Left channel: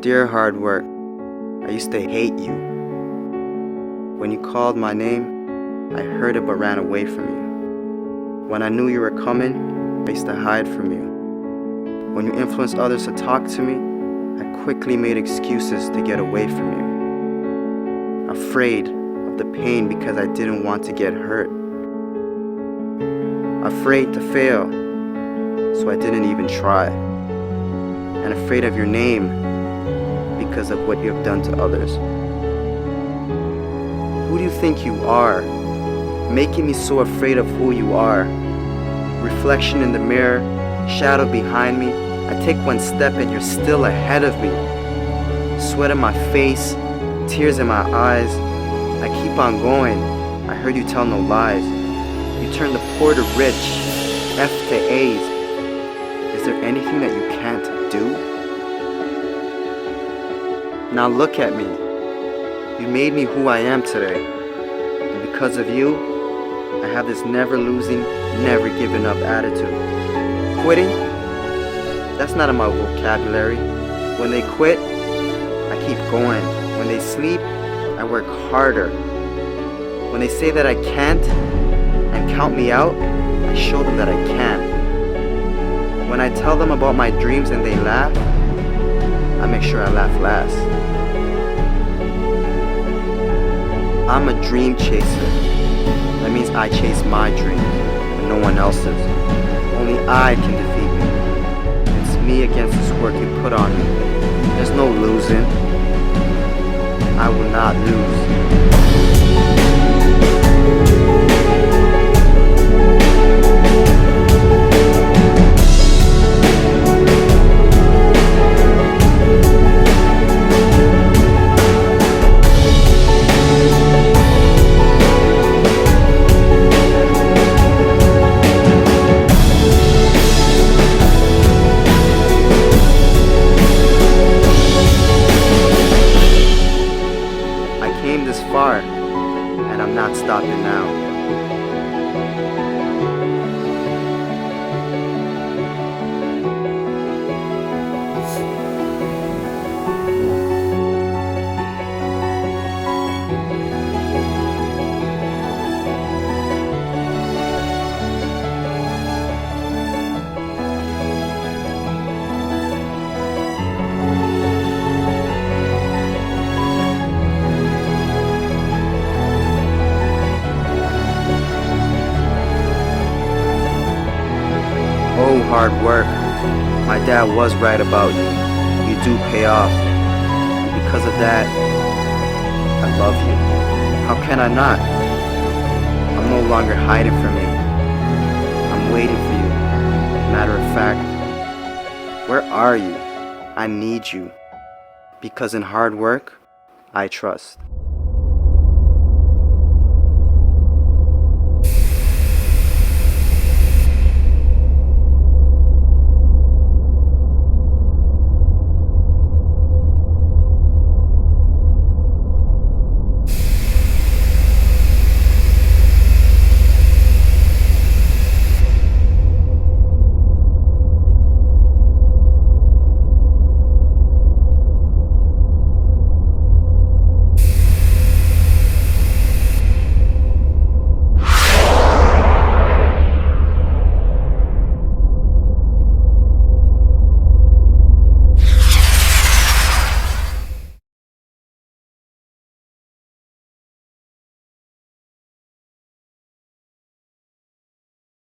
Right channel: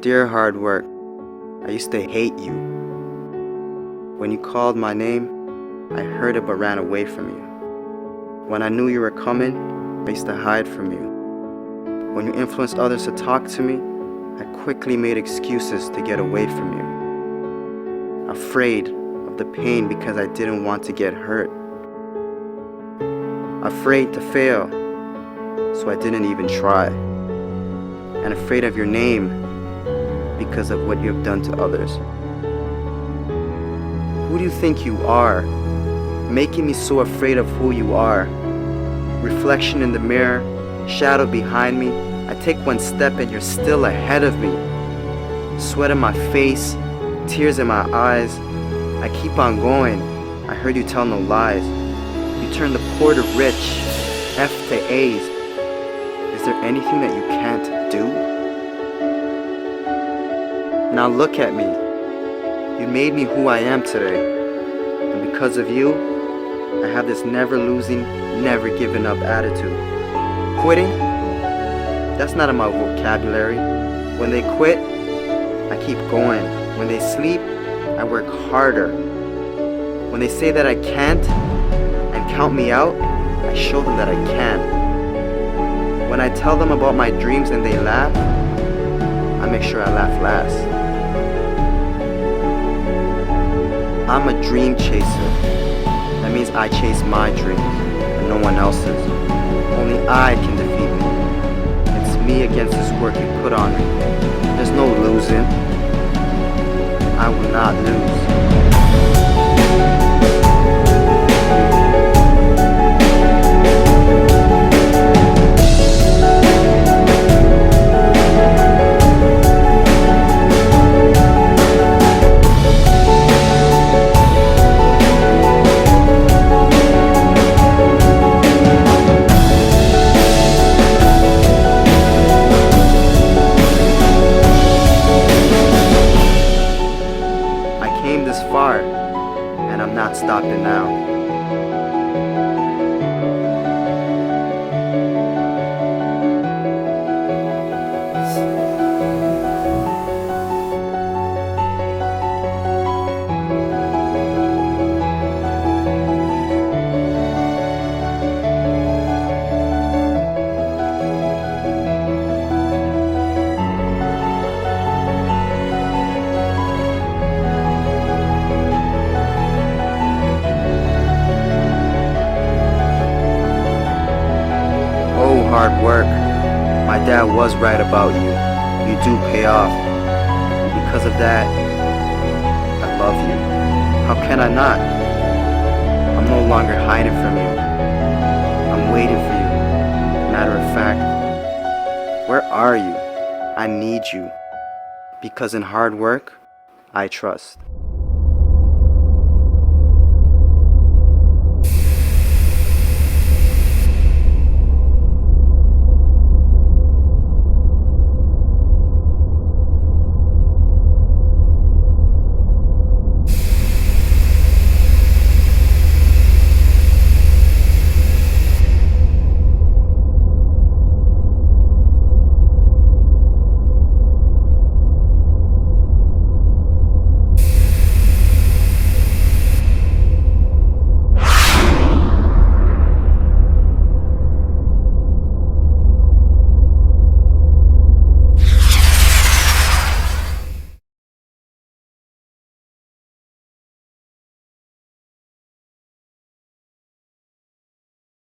Dear hard work, I used to hate you. When you called my name, I heard it but ran away from you. When I knew you were coming, I used to hide from you. When you influenced others to talk to me, I quickly made excuses to get away from you. Afraid of the pain because I didn't want to get hurt. Afraid to fail, so I didn't even try. And afraid of your name because of what you have done to others. Who do you think you are? Making me so afraid of who you are. Reflection in the mirror, shadow behind me. I take one step and you're still ahead of me. Sweat in my face, tears in my eyes. I keep on going. I heard you tell no lies. You turn the poor to rich, F to A's. Is there anything that you can't do? Now look at me. You made me who I am today. And because of you, I have this never losing, never giving up attitude. Quitting? That's not in my vocabulary. When they quit, I keep going. When they sleep, I work harder. When they say that I can't and count me out, I show them that I can. When I tell them about my dreams and they laugh, I make sure I laugh last. I'm a dream chaser. That means I chase my dreams and no one else's. Only I can defeat me. It's me against this work you put on me. There's no losing. I will not lose. I came this far, and I'm not stopping now. Oh, hard work. My dad was right about you. You do pay off. And because of that, I love you. How can I not? I'm no longer hiding from you. I'm waiting for you. Matter of fact, where are you? I need you. Because in hard work, I trust.